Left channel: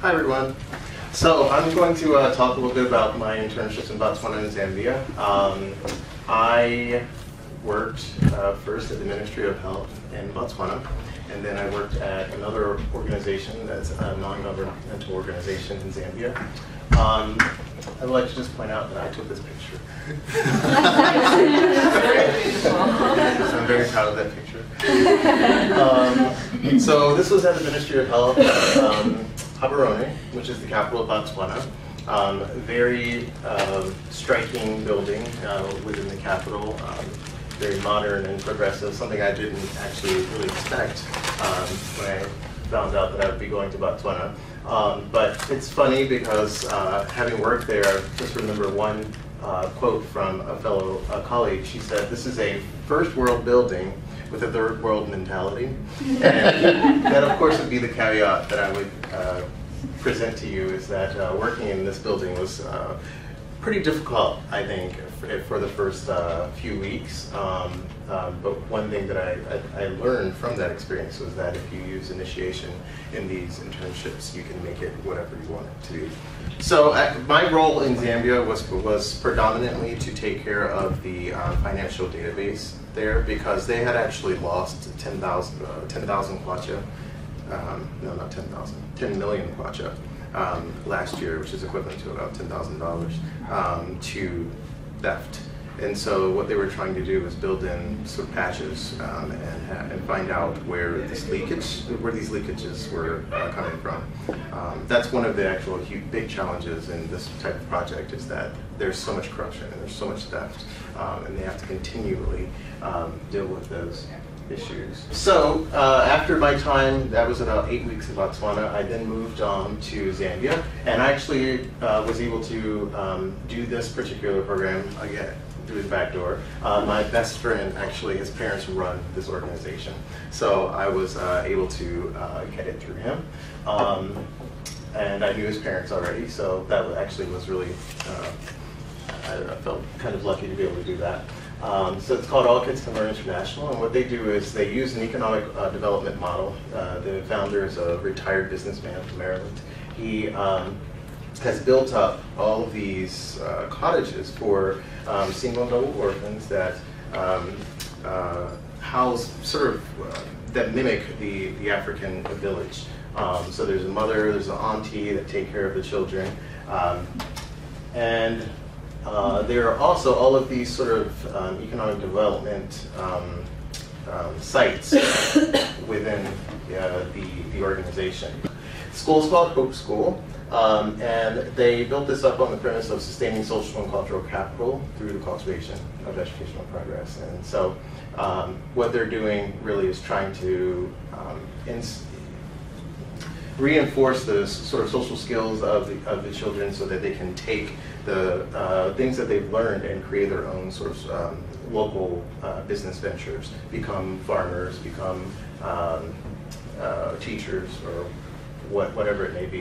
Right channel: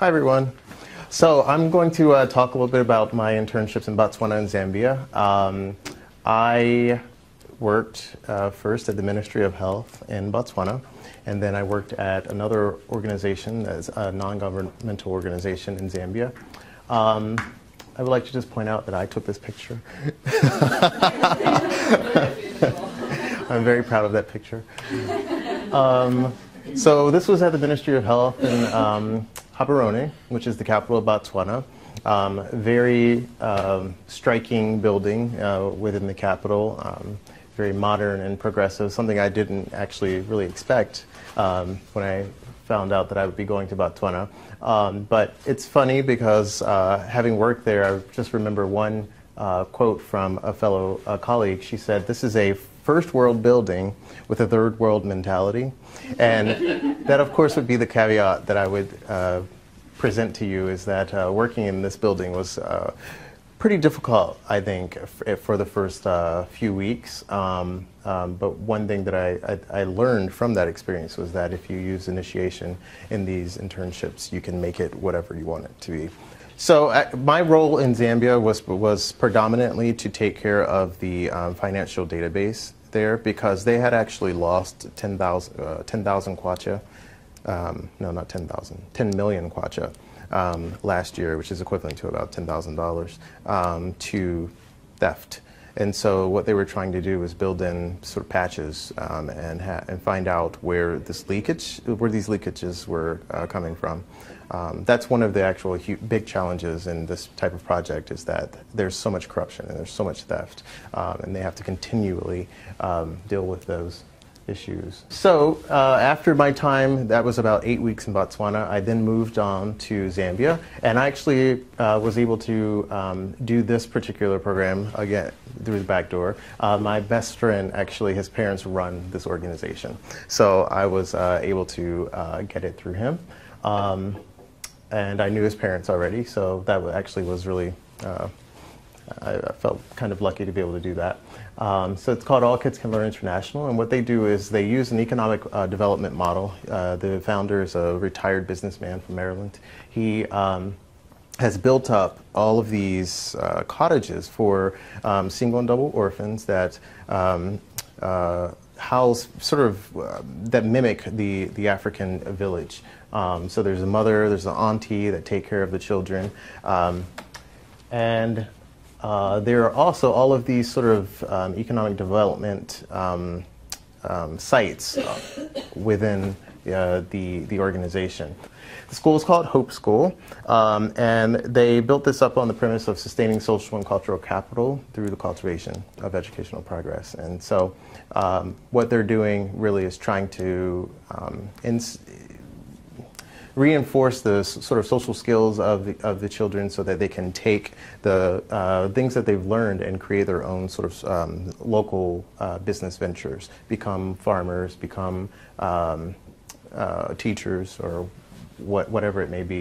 Hi everyone. So I'm going to talk a little bit about my internships in Botswana and Zambia. I worked first at the Ministry of Health in Botswana, and then I worked at another organization that's a non-governmental organization in Zambia. I'd like to just point out that I took this picture. I'm very proud of that picture. So this was at the Ministry of Health in Vernon, which is the capital of Botswana. Very striking building within the capital, very modern and progressive, something I didn't actually really expect when I found out that I would be going to Botswana. But it's funny because having worked there, I just remember one quote from a fellow colleague. She said, "This is a first world building with a third world mentality." And that of course would be the caveat that I would present to you, is that working in this building was pretty difficult, I think, for the first few weeks. But one thing that I learned from that experience was that if you use initiation in these internships, you can make it whatever you want it to be. So my role in Zambia was predominantly to take care of the financial database there, because they had actually lost 10,000 kwacha. No, not 10,000, 10 million kwacha last year, which is equivalent to about $10,000 to theft. And so what they were trying to do was build in sort of patches and find out where these leakages were coming from. That's one of the actual big challenges in this type of project, is that there's so much corruption and there's so much theft, and they have to continually deal with those issues. So after my time, that was about 8 weeks in Botswana, I then moved on to Zambia, and I actually was able to do this particular program again through the back door. My best friend, actually, his parents run this organization, so I was able to get it through him. And I knew his parents already, so that actually was really, I felt kind of lucky to be able to do that. So it's called All Kids Can Learn International, and what they do is they use an economic development model. The founder is a retired businessman from Maryland. He has built up all of these cottages for single and double orphans that house that mimic the African village. So there's a mother, there's an auntie that take care of the children, and there are also all of these sort of economic development sites within the organization. The school is called Hope School, and they built this up on the premise of sustaining social and cultural capital through the cultivation of educational progress. And so what they're doing really is trying to reinforce those sort of social skills of the children, so that they can take the things that they've learned and create their own sort of local business ventures, become farmers, become teachers, or whatever it may be.